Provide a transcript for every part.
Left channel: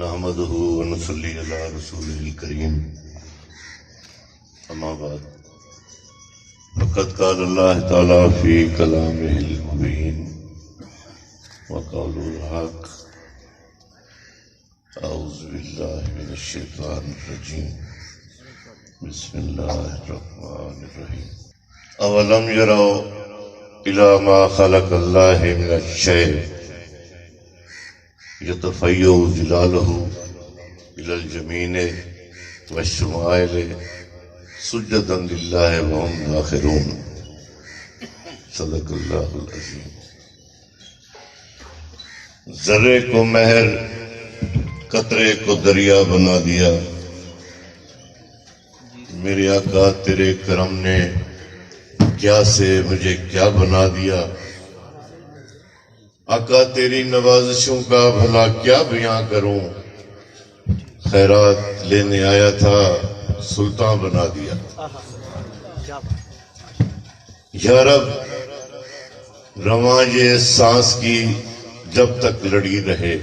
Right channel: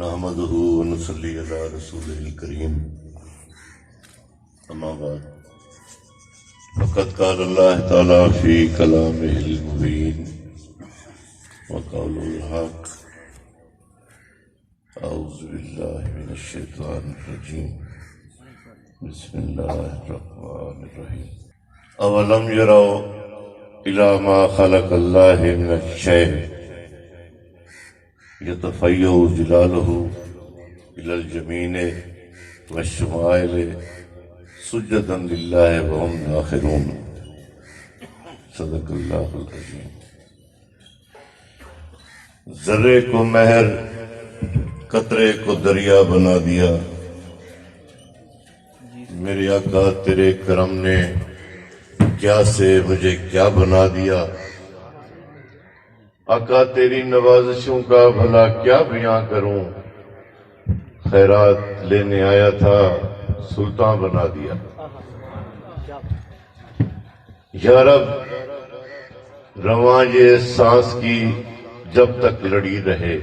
نحمده ونصلي على رسوله الكريم أما بعد فقد قال الله تعالى في كلامه المبين وقوله الحق أعوذ بالله من الشيطان الرجيم بسم الله الرحمن الرحيم أولم يروا إلى ما خلق الله من الشيء يتفيأ ظلاله إلى الجمين والشمائل سجدا لله وهم داخرون صدق اللہ العظیم. ذرے کو مہر قطرے کو دریا بنا دیا. میرے آقا تیرے کرم نے کیا سے مجھے کیا بنا دیا. آقا تیری نوازشوں کا بھلا کیا بیان کروں. خیرات لینے آیا تھا سلطان بنا دیا. یا رب رواں یہ سانس کی جب تک لڑی رہے،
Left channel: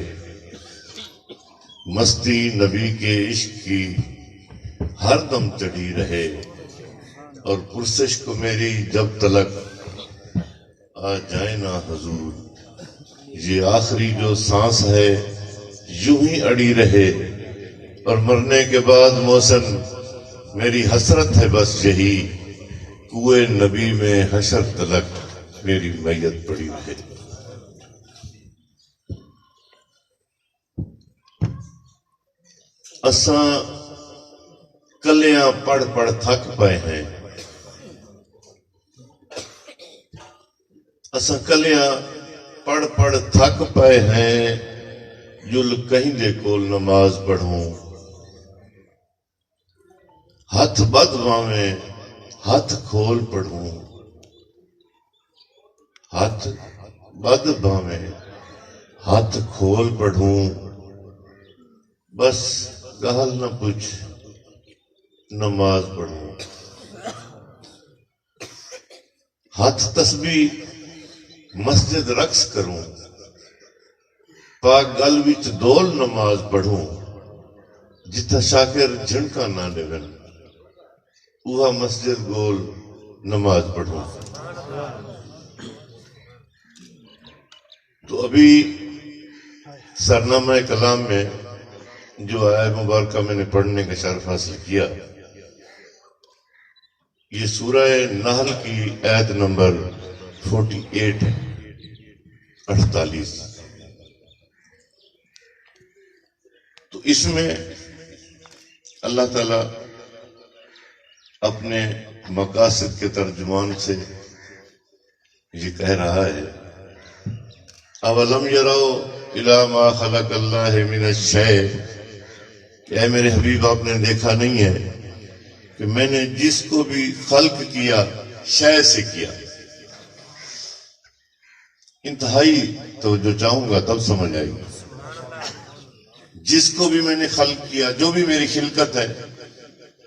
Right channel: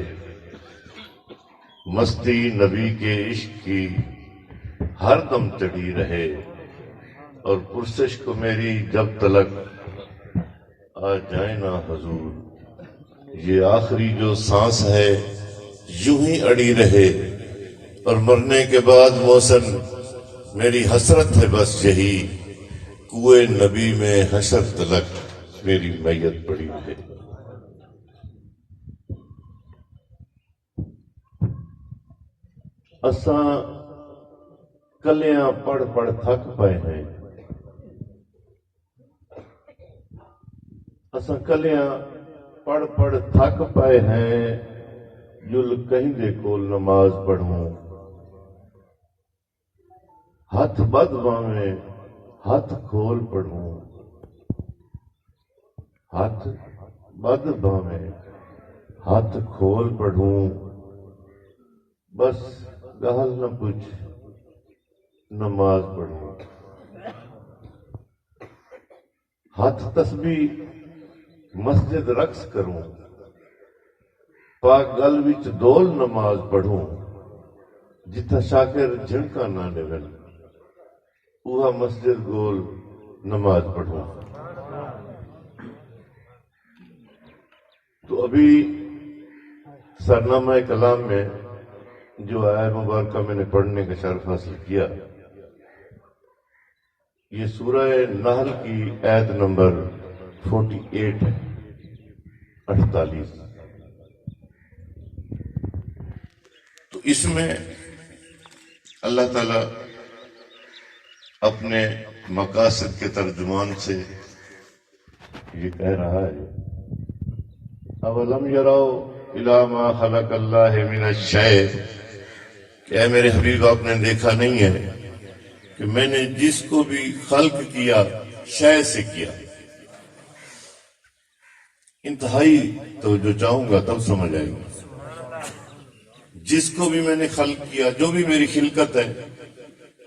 مستی نبی کے عشق کی ہر دم چڑھی رہے، اور پرسش کو میری جب تلک آ جائے نا حضور. یہ آخری جو سانس ہے یوں ہی اڑی رہے، اور مرنے کے بعد موسم میری حسرت ہے بس یہی، کوئے نبی میں حشر تلک میری میت پڑی رہے. اساں کلیاں پڑھ پڑھ تھک پائے ہیں. اساں کلیاں پڑھ پڑھ تھک پائے ہیں. جل کہیں دے کول نماز پڑھوں، ہاتھ بد باویں ہاتھ کھول پڑھوں. ہاتھ بد باویں ہاتھ کھول پڑھوں. بس گال نہ پوچھ نماز پڑھوں. ہاتھ تسبیح مسجد رقص کروں، پاک گل وچ دول نماز پڑھوں. جتھا شاکر جھنکا نہ ڈگن اوہا مسجد گول نماز پڑھوں. تو ابھی سرنامہ کلام میں جو آیت مبارکہ میں نے پڑھنے کا شرف حاصل کیا، یہ سورہ نحل کی آیت نمبر 48 ہے، 48. تو اس میں اللہ تعالیٰ اپنے مقاصد کے ترجمان سے یہ کہہ رہا ہے، اولم یروا الی ما خلق اللہ من الشیء، کہ اے میرے حبیب آپ نے دیکھا نہیں ہے کہ میں نے جس کو بھی خلق کیا شے سے کیا. انتہائی توجہ چاہوں گا تب سمجھ آئے گی. جس کو بھی میں نے خلق کیا، جو بھی میری خلقت ہے،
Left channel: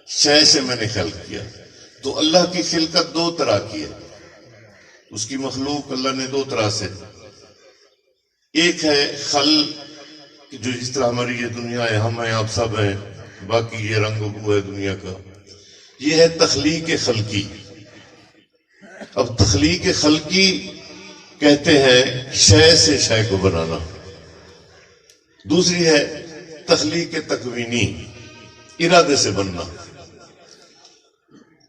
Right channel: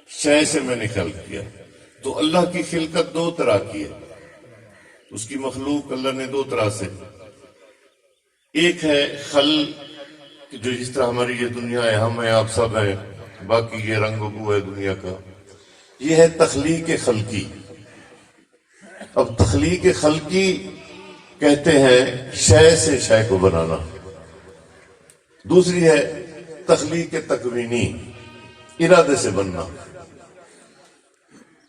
شے سے میں نے خلق کیا. تو اللہ کی خلقت دو طرح کی ہے. اس کی مخلوق اللہ نے دو طرح سے، ایک ہے خلق جو جس طرح ہماری یہ دنیا ہے، ہم ہیں، آپ سب ہیں، باقی یہ رنگ و بو ہے دنیا کا. یہ ہے تخلیق خلقی. اب تخلیق خلقی کہتے ہیں شے سے شے کو بنانا. دوسری ہے تخلیق تکوینی، ارادے سے بننا.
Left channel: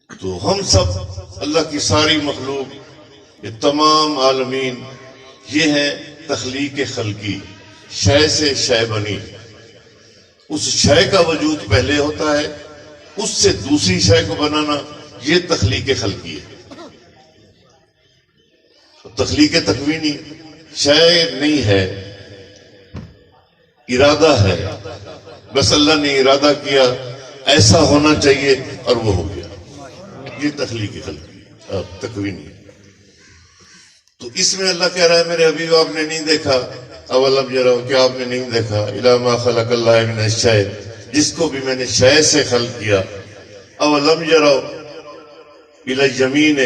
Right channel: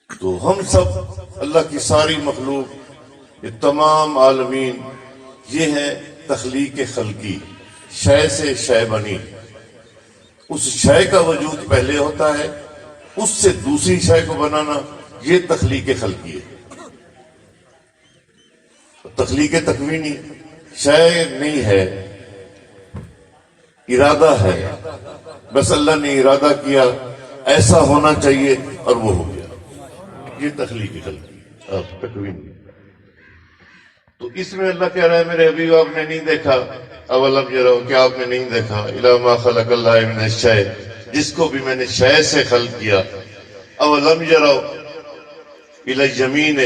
تو ہم سب اللہ کی ساری مخلوق، یہ تمام عالمین، یہ ہے تخلیق خلقی. شے سے شے بنی. اس شے کا وجود پہلے ہوتا ہے، اس سے دوسری شے کو بنانا، یہ تخلیق خلقی ہے. تخلیق تکوینی شے نہیں ہے، ارادہ ہے. بس اللہ نے ارادہ کیا ایسا ہونا چاہیے اور وہ ہو گیا. یہ تخلیق خلقی تکوینی. تو اس میں اللہ کہہ رہا ہے میرے حبیب آپ نے نہیں دیکھا، اولم یروا، کیا آپ نے نہیں دیکھا الی ما خلق اللہ من الشیء، جس کو بھی میں نے شے سے خلق کیا. اولم یروا الی الیمین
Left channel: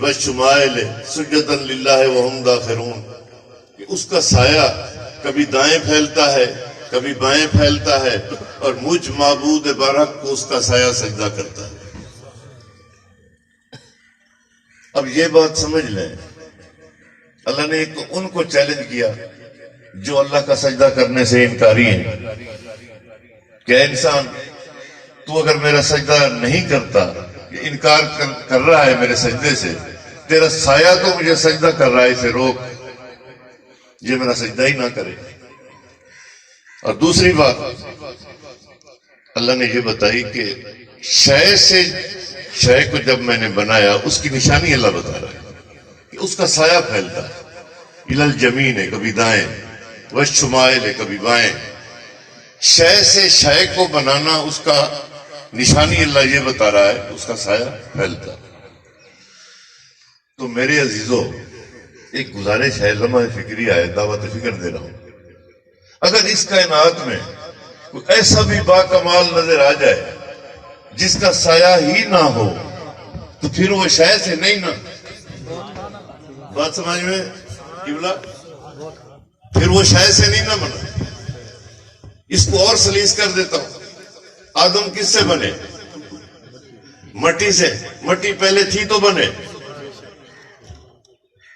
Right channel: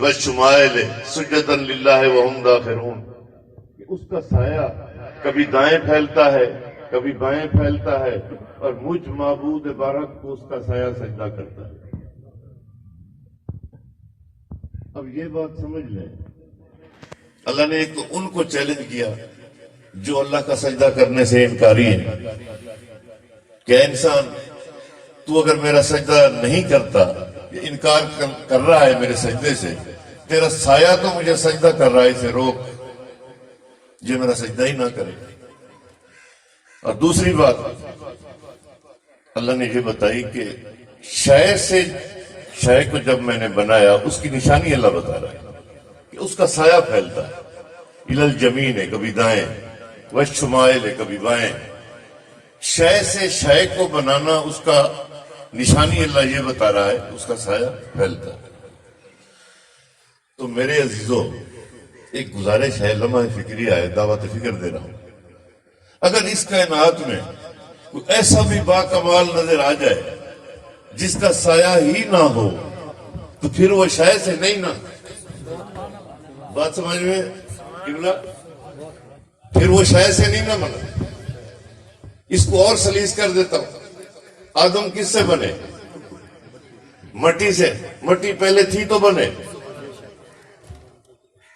والشمائل سجدا للہ وہم داخرون، کہ اس کا سایہ کبھی دائیں پھیلتا ہے کبھی بائیں پھیلتا ہے اور مجھ معبود برحق کو اس کا سایہ سجدہ کرتا ہے۔ اب یہ بات سمجھ لیں، اللہ نے ایک ان کو چیلنج کیا جو اللہ کا سجدہ کرنے سے انکاری ہے کہ اے انسان، تو اگر میرا سجدہ نہیں کرتا، انکار کر رہا ہے میرے سجدے سے، تیرا سایہ تو مجھے سجدہ کر رہا ہے، اسے روک، یہ میرا سجدہ ہی نہ کرے۔ اور دوسری بات اللہ نے یہ بتائی کہ شے سے شے کو جب میں نے بنایا، اس کی نشانی اللہ بتا رہا ہے کہ اس کا سایہ پھیلتا ہے، الی الجمین ہے کبھی دائیں، والشمائل ہے کبھی بائیں۔ شے سے شے کو بنانا، اس کا نشانی اللہ یہ بتا رہا ہے، اس کا سایہ پھیلتا۔ تو میرے عزیزو، ایک گزارش ہے، لمحہ فکری ہے، دعوت فکر دے رہا ہوں، اگر اس کائنات میں کوئی ایسا بھی باکمال نظر آ جائے جس کا سایہ ہی نہ ہو، تو پھر وہ شے سے نہیں نا، بات سمجھ میں قبلہ، پھر وہ شے سے نہیں نہ بنا۔ اس کو اور سلیس کر دیتا ہوں، آدم کس سے بنے؟ مٹی سے، مٹی پہلے تھی تو بنے۔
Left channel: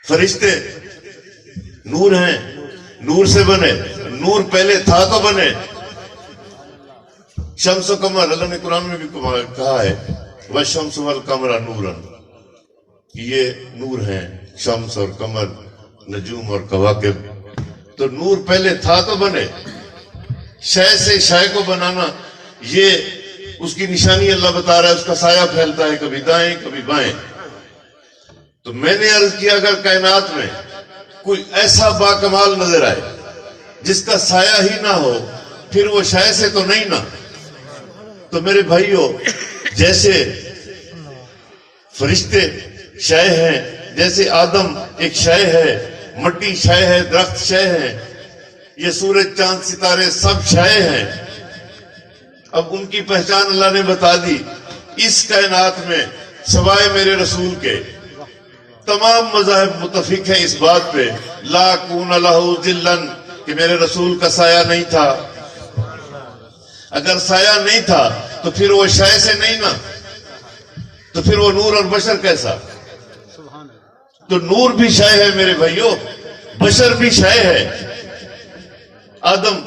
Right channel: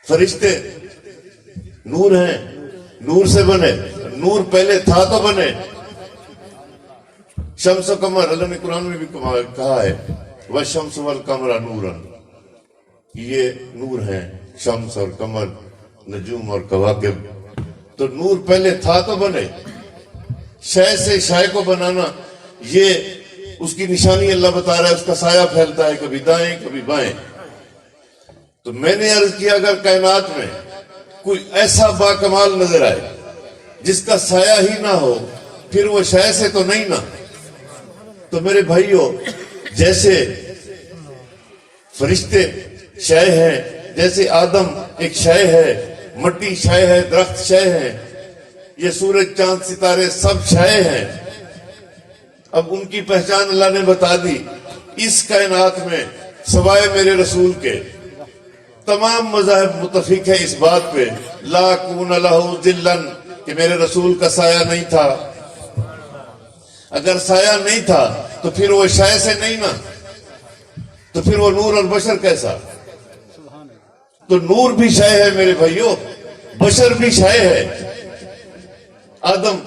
فرشتے نور ہیں، نور سے بنے، نور پہلے تھا تو بنے۔ شمس و قمر، اللہ نے قرآن میں بھی کہا ہے وَالشَّمْسُ وَالْقَمَرَ نُورًا، یہ نور ہیں، شمس اور قمر، نجوم اور کواکب۔ تو نور پہلے تھا تو بنے۔ شے سے شے کو بنانا، یہ اس کی نشانی اللہ بتا رہا ہے، اس کا سایہ پھیلتا ہے کبھی دائیں کبھی بائیں۔ تو میں نے عرض کیا اگر کائنات میں کوئی ایسا باکمال نظر آئے جس کا سایہ ہی نہ ہو، پھر وہ شے سے تو نہیں نا۔ تو میرے بھائیو، جیسے فرشتے شے ہیں، جیسے آدم ایک شے ہے، مٹی شے ہے، درخت شے ہے، یہ سورج چاند ستارے سب شے ہیں۔ اب ان کی پہچان اللہ نے بتا دی۔ اس کائنات میں سوائے میرے رسول کے تمام مذاہب متفق ہیں اس بات پہ، لا کون لہ ذلن، کہ میرے رسول کا سایہ نہیں تھا۔ اگر سایہ نہیں تھا تو پھر وہ شے سے نہیں نا، تو پھر وہ نور اور بشر کیسا؟ تو نور بھی شے ہے میرے بھائیو، بشر بھی شے ہے۔ آدم،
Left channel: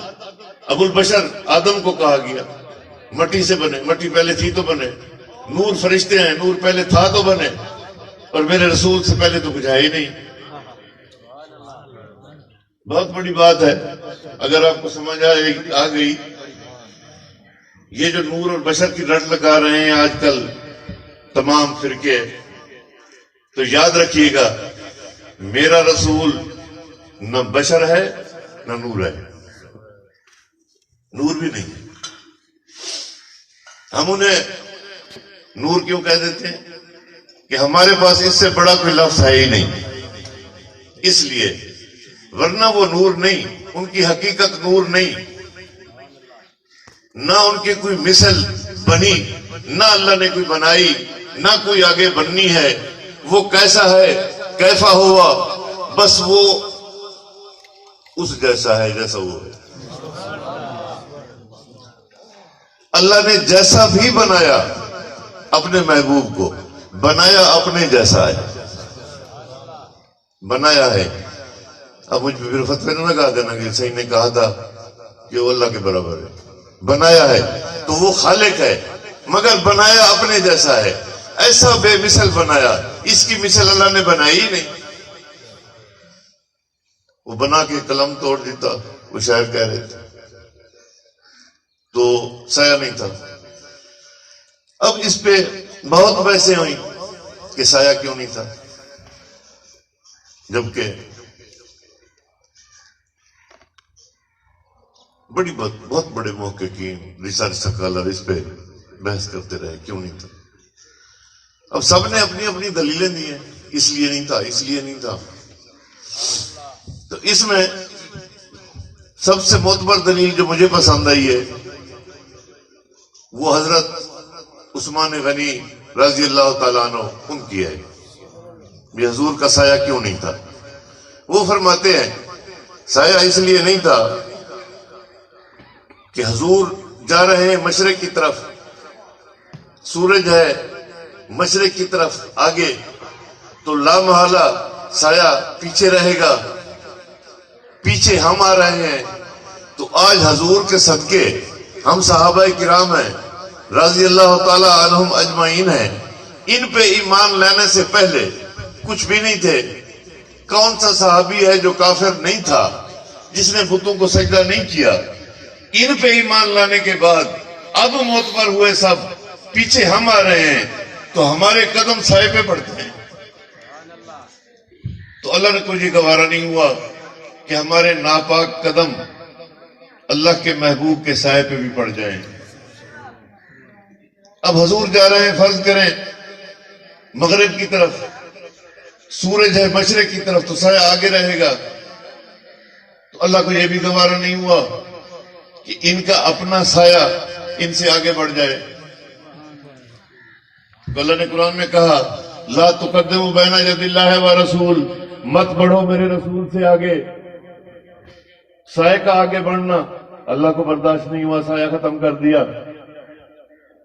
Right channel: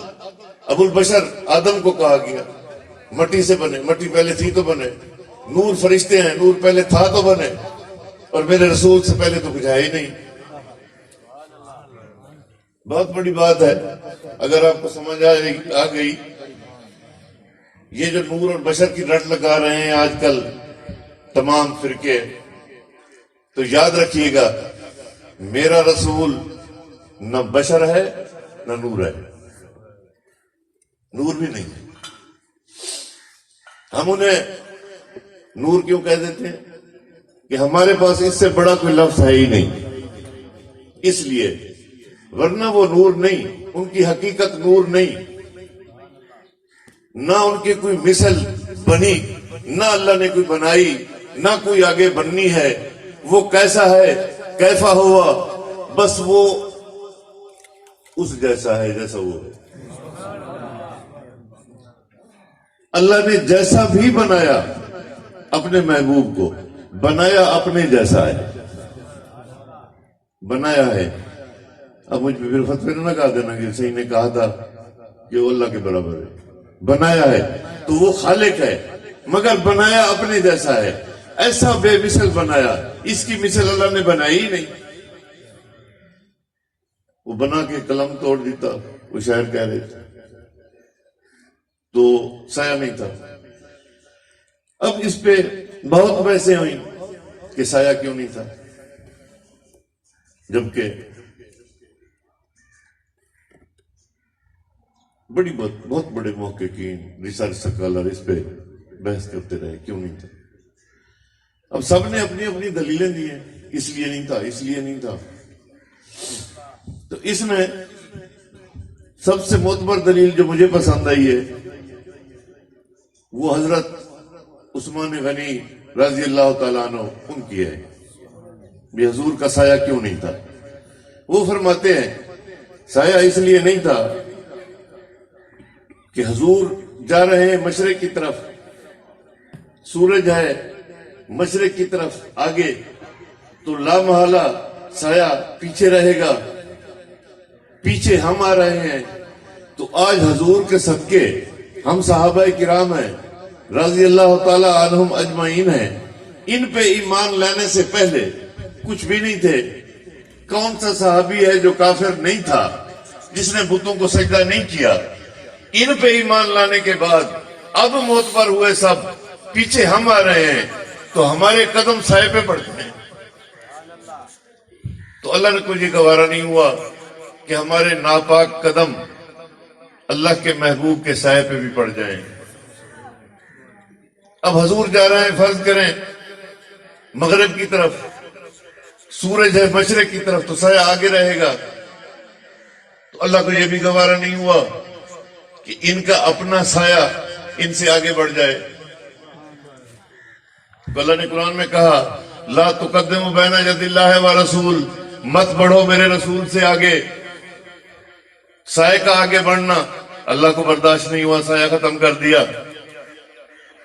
ابو البشر آدم کو کہا گیا، مٹی سے بنے، مٹی پہلے تھی تو بنے۔ نور فرشتے ہیں، نور پہلے تھا تو بنے، اور میرے رسول سے پہلے تو کچھ ہے ہی نہیں۔ بہت بڑی بات ہے، اگر آپ کو سمجھ آ گئی۔ یہ جو نور اور بشر کی رٹ لگا رہے ہیں آج کل تمام فرقے، تو یاد رکھیے گا میرا رسول نہ بشر ہے نہ نور ہے، نور بھی نہیں ہے۔ ہم انہیں نور کیوں کہہ دیتے ہیں؟ کہ ہمارے پاس اس سے بڑا کوئی لفظ ہے ہی نہیں، اس لیے، ورنہ وہ نور نہیں، ان کی حقیقت نور نہیں، نہ ان کی کوئی مثل بنی، نہ اللہ نے کوئی بنائی، نہ کوئی آگے بننی ہے۔ وہ کیسا ہے، کیفا ہوا، بس وہ اس جیسا ہے جیسا وہ ہے۔ اللہ نے جیسا بھی بنایا اپنے محبوب کو، بنایا اپنے جیسا ہے، بنایا ہے۔ اب مجھ پہ پھر فتوی نہ لگا دینا کہ صحیح نے کہا تھا کہ وہ اللہ کے برابر ہے۔ بنایا ہے تو وہ خالق ہے، مگر بنایا اپنے جیسا ہے، ایسا بے مثل بنایا، اس کی مثل اللہ نے بنائی ہی نہیں۔ وہ بنا کے قلم توڑ دیتا، وہ شاعر کہہ رہے تھے، تو سایہ نہیں تھا۔ اب اس پہ بہت بحثیں ہوئی کہ سایہ کیوں نہیں تھا، جبکہ بہت بڑے محققین، ریسرچ سکالر اس پہ بحث کرتے رہے کیوں نہیں تھا۔ اب سب نے اپنی اپنی دلیلیں دی ہیں، اس لیے نہیں تھا، اس لیے نہیں تھا۔ تو اس میں سب سے معتبر دلیل جو مجھے پسند آئی ہے وہ حضرت عثمان غنی رضی اللہ تعالیٰ عنہ ان کی ہے، بھی حضور کا سایہ کیوں نہیں تھا۔ وہ فرماتے ہیں سایہ اس لیے نہیں تھا کہ حضور جا رہے ہیں مشرق کی طرف، سورج ہے مشرق کی طرف آگے، تو لامحالہ سایہ پیچھے رہے گا، پیچھے ہم آ رہے ہیں۔ تو آج حضور کے صدقے ہم صحابہ کرام ہیں رضی اللہ تعالی عنہم اجمعین ہیں، ان پہ ایمان لانے سے پہلے کچھ بھی نہیں تھے۔ کون سا صحابی ہے جو کافر نہیں تھا، جس نے بتوں کو سجدہ نہیں کیا؟ ان پہ ایمان لانے کے بعد اب معتبر ہوئے سب، پیچھے ہم آ رہے ہیں تو ہمارے قدم سائے پہ پڑتے ہیں۔ تو اللہ نے کوئی گوارا نہیں ہوا کہ ہمارے ناپاک قدم اللہ کے محبوب کے سائے پہ بھی پڑ جائیں۔ اب حضور جا رہے ہیں، فرض کریں مغرب کی طرف، سورج ہے مشرق کی طرف، تو سایہ آگے رہے گا۔ تو اللہ کو یہ بھی گوارا نہیں ہوا کہ ان کا اپنا سایہ ان سے آگے بڑھ جائے۔ تو اللہ نے قرآن میں کہا لا تقدموا بین یدی اللہ و رسول، مت بڑھو میرے رسول سے آگے۔ سایہ کا آگے بڑھنا اللہ کو برداشت نہیں ہوا، سایہ ختم کر دیا۔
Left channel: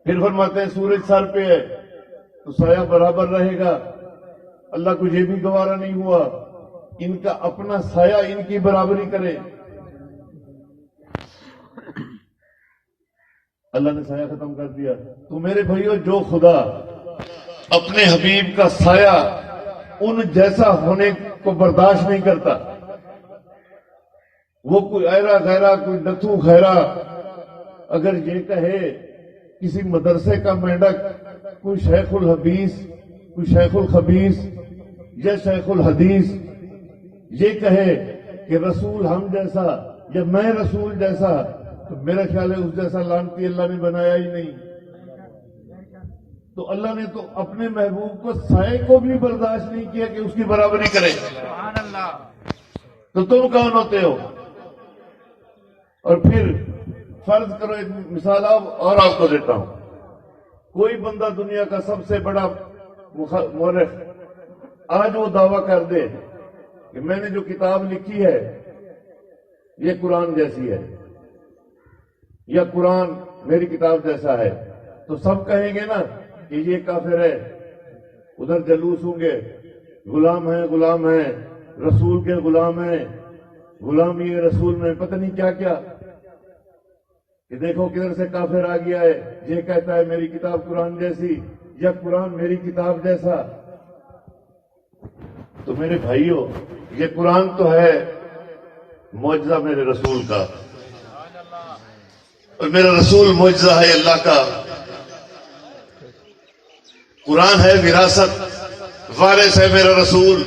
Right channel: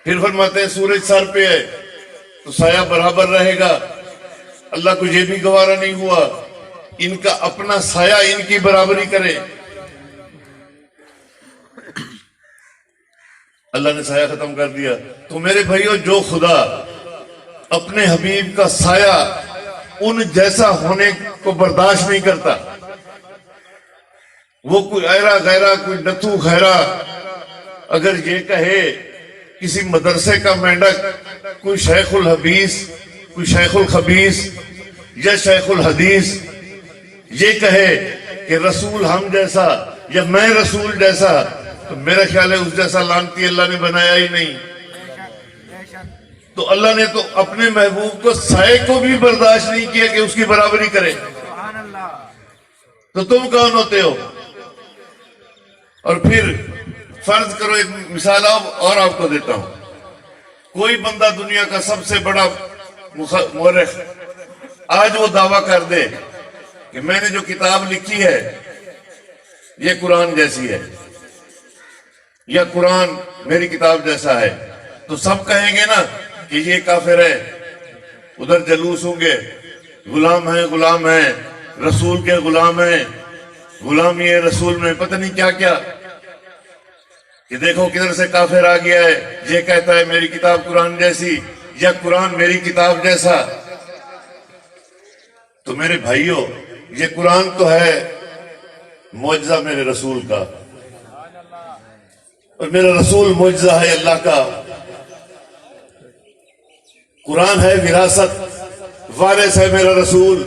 پھر فرماتے ہیں سورج سر پہ ہے تو سایہ برابر رہے گا، اللہ کو یہ بھی گوارا نہیں ہوا ان کا اپنا سایہ ان کی برابری کرے۔ اللہ نے سایہ ختم کر دیا۔ تو میرے بھائیو، جو خدا اپنے حبیب کا سایہ ان جیسا ہونے کو برداشت نہیں کرتا، وہ کوئی ایرا غیرہ، کوئی نتھو خیرہ اگر یہ کہے کسی مدرسے کا مینڈک، کوئی شیخ الحدیث، کوئی شیخ الخبیث یا شیخ الحدیث یہ کہے کہ رسول ہم جیسا یا میں رسول جیسا، تو میرا خیال ہے اس جیسا لعنتی اللہ نے بنایا ہی نہیں۔ تو اللہ نے تو اپنے محبوب کو سائے کو بھی برداشت نہیں کیا کہ اس کی برابری کرے، تو تم کون ہوتے ہو؟ اور پھر فرض کرو، ایک مثال اور آپ کو دیتا ہوں۔ کوئی بندہ دنیا کا سب سے بڑا مورخ آج وہ دعویٰ کر دے کہ میں نے جو کتاب لکھی ہے یہ قرآن جیسی ہے یا قرآن میری کتاب جیسا ہے، تو سب کہیں گے نا کہ یہ کافر ہے، ادھر جلوس ہوں گے، غلام ہیں، رسول کے غلام ہیں، غلامی ہے رسول میں، پتہ نہیں کیا کیا، کہ دیکھو کدھر سے کافر آ گیا ہے، یہ کہتا ہے میری کتاب قرآن جیسی یا قرآن میری کتاب جیسا۔ تو میرے بھائیوں، یہ قرآن تو ہے معجزہ میرے رسول کا، اور میرا رسول معجزہ ہے اللہ کا۔ قرآن ہے وراثت، وارث ہے میرا رسول۔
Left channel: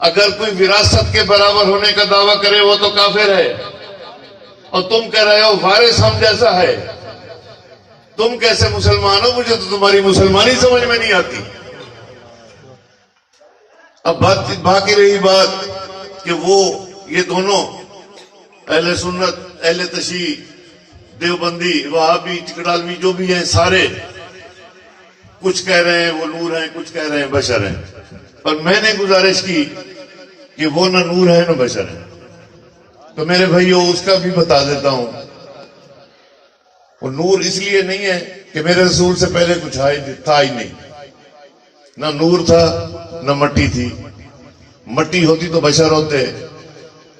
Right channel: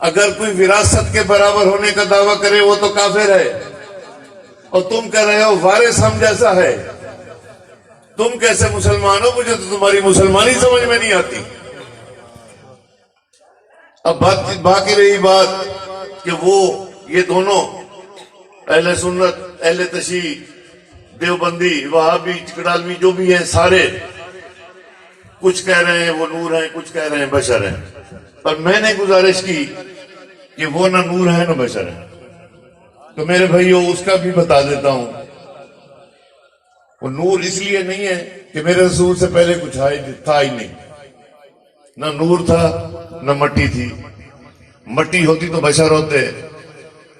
اگر کوئی وراثت کے برابر ہونے کا دعویٰ کرے وہ تو کافر ہے، اور تم کہہ رہے ہو وارث ہم جیسا ہے۔ تم کیسے مسلمان ہو؟ مجھے تو تمہاری مسلمانی سمجھ میں نہیں آتی۔ اب باقی رہی بات کہ وہ یہ دونوں اہل سنت، اہل تشیع، دیوبندی، وہابی، چکڑالوی جو بھی ہیں، سارے کچھ کہہ رہے ہیں وہ نور ہیں، کچھ کہہ رہے ہیں بشر ہیں۔ اور میں نے گزارش کی کہ وہ نہ نور ہے نہ بشر ہیں۔ تو میرے بھائیوں، اس کا بھی بتا دیتا ہوں، وہ نور اس لیے نہیں ہے کہ میرے رسول سے پہلے کچھ تھا ہی نہیں، نہ نور تھا نہ مٹی تھی۔ مٹی ہوتی تو بشر ہوتے،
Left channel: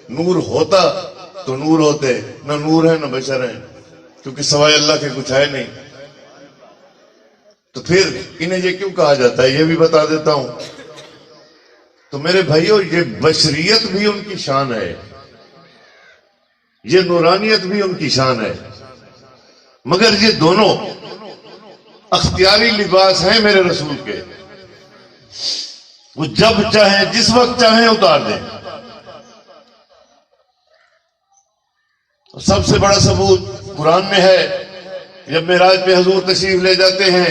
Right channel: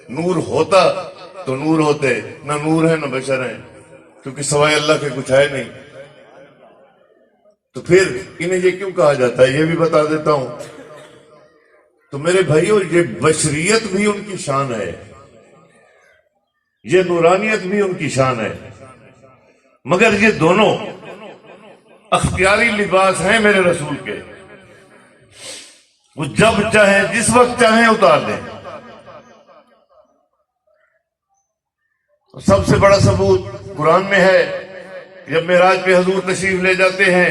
نور ہوتا تو نور ہوتے، نہ نور ہے نہ بشر ہیں، کیونکہ سوائے اللہ کے کچھ ہے نہیں۔ تو پھر انہیں یہ کیوں کہا جاتا ہے یہ بھی بتا دیتا ہوں۔ تو میرے بھائیوں، یہ بشریت بھی ان کی شان ہے، یہ نورانیت بھی ان کی شان ہے، مگر یہ دونوں اختیاری لباس ہیں میرے رسول کے، وہ جب چاہیں جس وقت چاہیں اتار دیں۔ سب سے بڑا ثبوت قرآن میں ہے، جب معراج پہ حضور تشریف لے جاتے ہیں،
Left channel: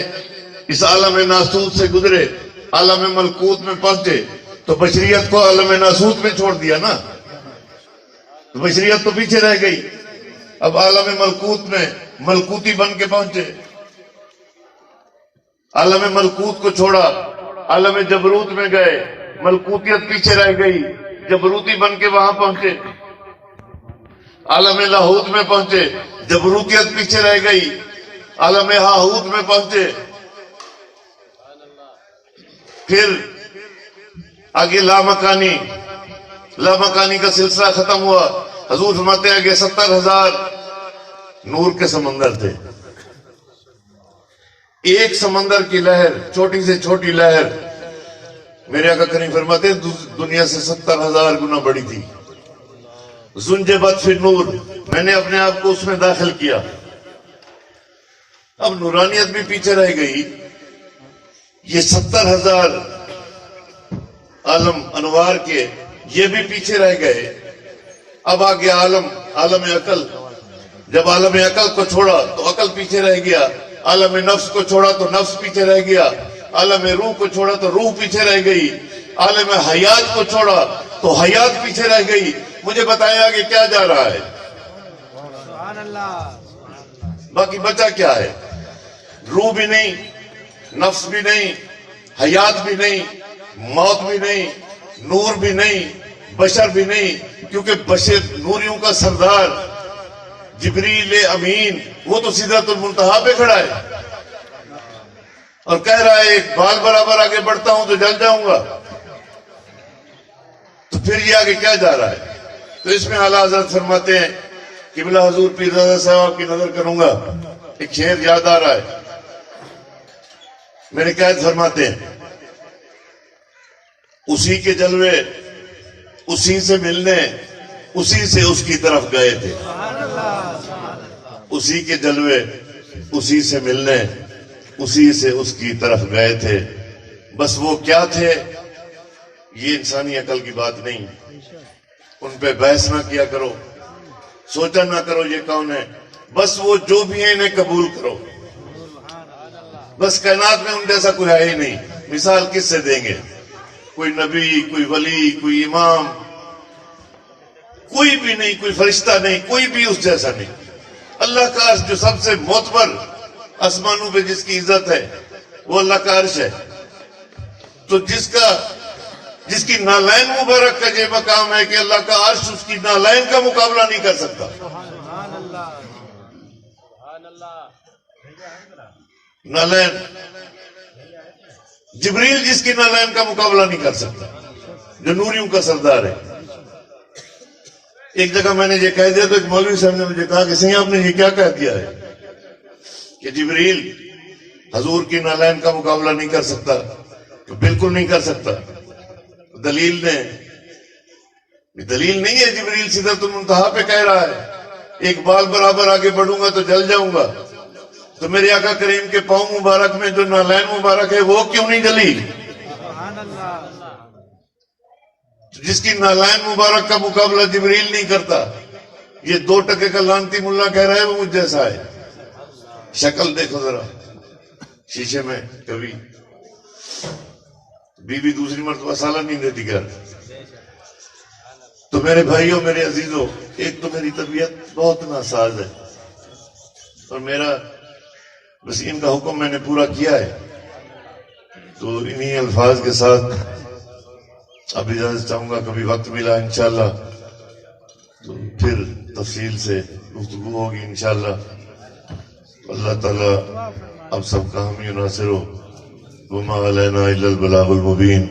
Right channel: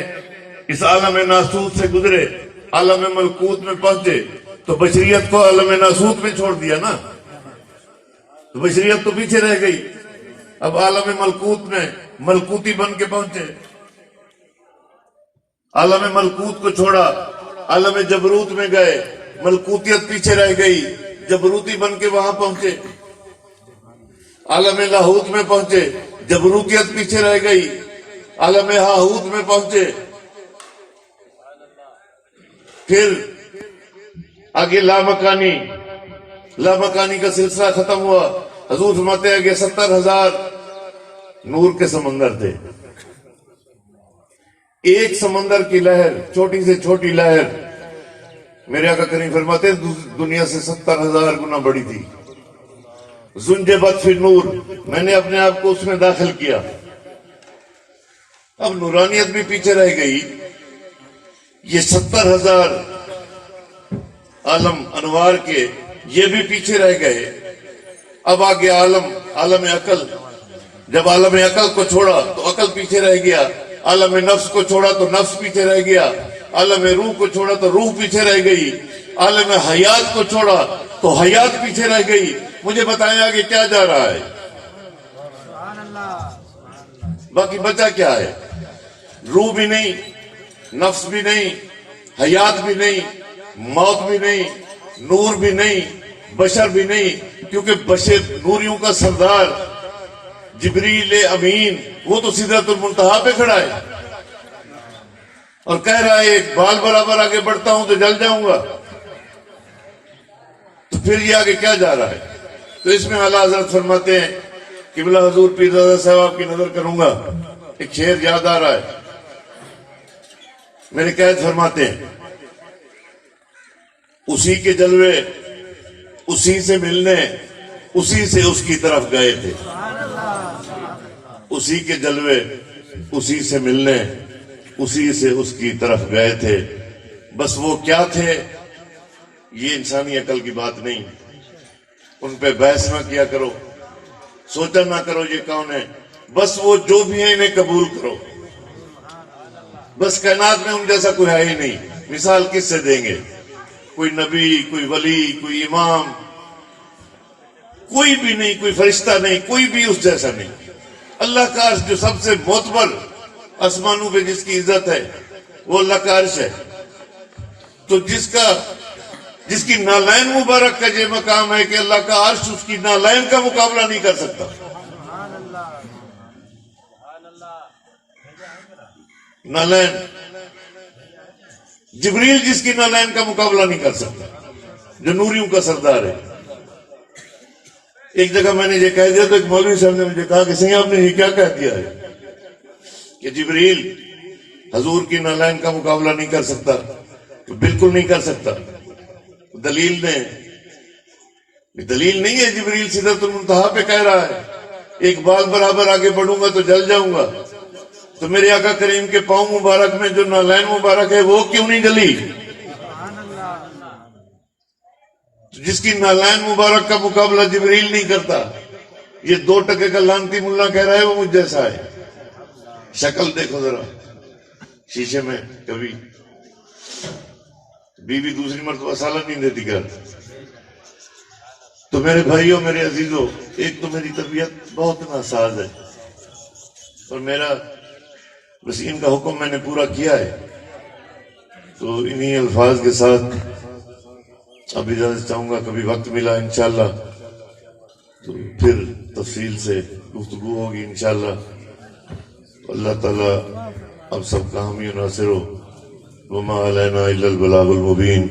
اس عالم ناسوت سے گزرے، عالم ملکوت میں پہنچے، تو بشریت کو عالم ناسوت میں چھوڑ دیا نا، تو بشریت تو پیچھے رہ گئی۔ اب عالم ملکوت میں ملکوتی بن کے پہنچے، عالم ملکوت کو چھوڑا، عالم جبروت میں گئے، ملکوتیت پیچھے رہ گئی، جبروتی بن کے وہاں پہنچے۔ عالم لاہوت میں پہنچے، جبروتیت پیچھے رہ گئی، عالم ہاہوت میں پہنچے، پھر آگے لامکانی کا سلسلہ ختم ہوا۔ حضور فرماتے ہیں کہ 70,000 نور کے سمندر تھے، ایک سمندر کی لہر، چھوٹی سے چھوٹی لہر میرے آقا کریم فرماتے ہیں دنیا سے 70,000 گنا بڑی تھی۔ زنجبت فی نور، میں نے اپنے آپ کو اس میں داخل کیا۔ اب نورانیت بھی پیچھے رہ گئی، یہ 70,000 عالم انوار کے یہ بھی پیچھے رہ گئے۔ اب آگے عالم عقل، جب عالم عقل کو چھوڑا تو عقل پیچھے رہ گیا، عالم نفس کو چھوڑا تو نفس پیچھے رہ گیا، عالم روح کو چھوڑا تو روح پیچھے رہ گئی، عالم حیات کو چھوڑا تو حیات پیچھے رہ گئی۔ مجھے بتایا کہ کیا جا رہا ہے، باقی بچا کیا ہے؟ روح بھی نہیں، نفس بھی نہیں، حیات بھی نہیں، موت بھی نہیں، نور بھی نہیں، بشر بھی نہیں، کیونکہ بشر نوریوں کا سردار جبریل امین وہ تو سدرۃ المنتہا پہ کھڑا ہے اور کہہ رہا ہے ایک بال برابر آگے بڑھتا ہوں تو جل جاؤں گا۔ تو پھر یہ آگے کیا جا رہا ہے؟ تو اس میں اعلیٰ حضرت فرماتے ہیں قبلہ حضور پیر زادہ صاحب کی نظر کروں گا، ایک شعر یاد آ رہا ہے، میرے قائد فرماتے ہیں اسی کے جلوے اسی سے ملنے اسی سے اس کی طرف گئے تھے، اسی کے جلوے اسی سے ملنے اسی سے اس کی طرف گئے تھے۔ بس وہ کیا تھے یہ انسانی عقل کی بات نہیں، ان پہ بحث نہ کیا کرو، سوچا نہ کرو یہ کون ہے، بس وہ جو بھی ہیں انہیں قبول کرو۔ بس کائنات میں ان جیسا کوئی ہے ہی نہیں، مثال کس سے دیں گے؟ کوئی نبی، کوئی ولی، کوئی امام، کوئی بھی نہیں، کوئی فرشتہ نہیں، کوئی بھی اس جیسا نہیں۔ اللہ کا عرش جو سب سے معتبر آسمانوں پہ جس کی عزت ہے وہ اللہ کا عرش ہے، تو جس کی نالین مبارک کا یہ مقام ہے کہ اللہ کا عرش اس کی نالین کا مقابلہ نہیں کر سکتا۔ نالین جبریل جس کی نالین کا مقابلہ نہیں کر سکتا، جو نوریوں کا سردار ہے۔ ایک جگہ میں نے یہ کہہ دیا تو ایک مولوی صاحب نے مجھے کہا کہ صحیح آپ نے یہ کیا کہہ دیا ہے کہ جبریل حضور کی نالین کا مقابلہ نہیں کر سکتا؟ تو بالکل نہیں کر سکتا۔ دلیل نہیں ہے، جبریل سدرۃ المنتہا پہ کہہ رہا ہے ایک بال برابر آگے بڑھوں گا تو جل جاؤں گا، تو میرے آقا کریم کے پاؤں مبارک میں جو نالین مبارک ہے وہ کیوں نہیں جلی؟ جس کی نالین مبارک کا مقابلہ جبریل نہیں کرتا، یہ 2 ٹکے کا لانتی ملا کہہ رہا ہے وہ مجھ جیسا ہے۔ شکل دیکھو ذرا شیشے میں، کبھی بیوی دوسری مرتبہ سالن نہیں دیتی گھر۔ تو میرے بھائیوں، میرے عزیزوں، ایک تو میری طبیعت بہت ناساز ہے اور میرا بس ان کا حکم میں نے پورا کیا ہے، تو انہی الفاظ کے ساتھ اب اجازت چاہوں گا، کبھی وقت ملا انشاءاللہ تو پھر تفصیل سے گفتگو ہوگی انشاءاللہ۔ اللہ تعالیٰ اب سب کا حامی و ناصر ہو۔ وما علینا الا البلاغ المبین۔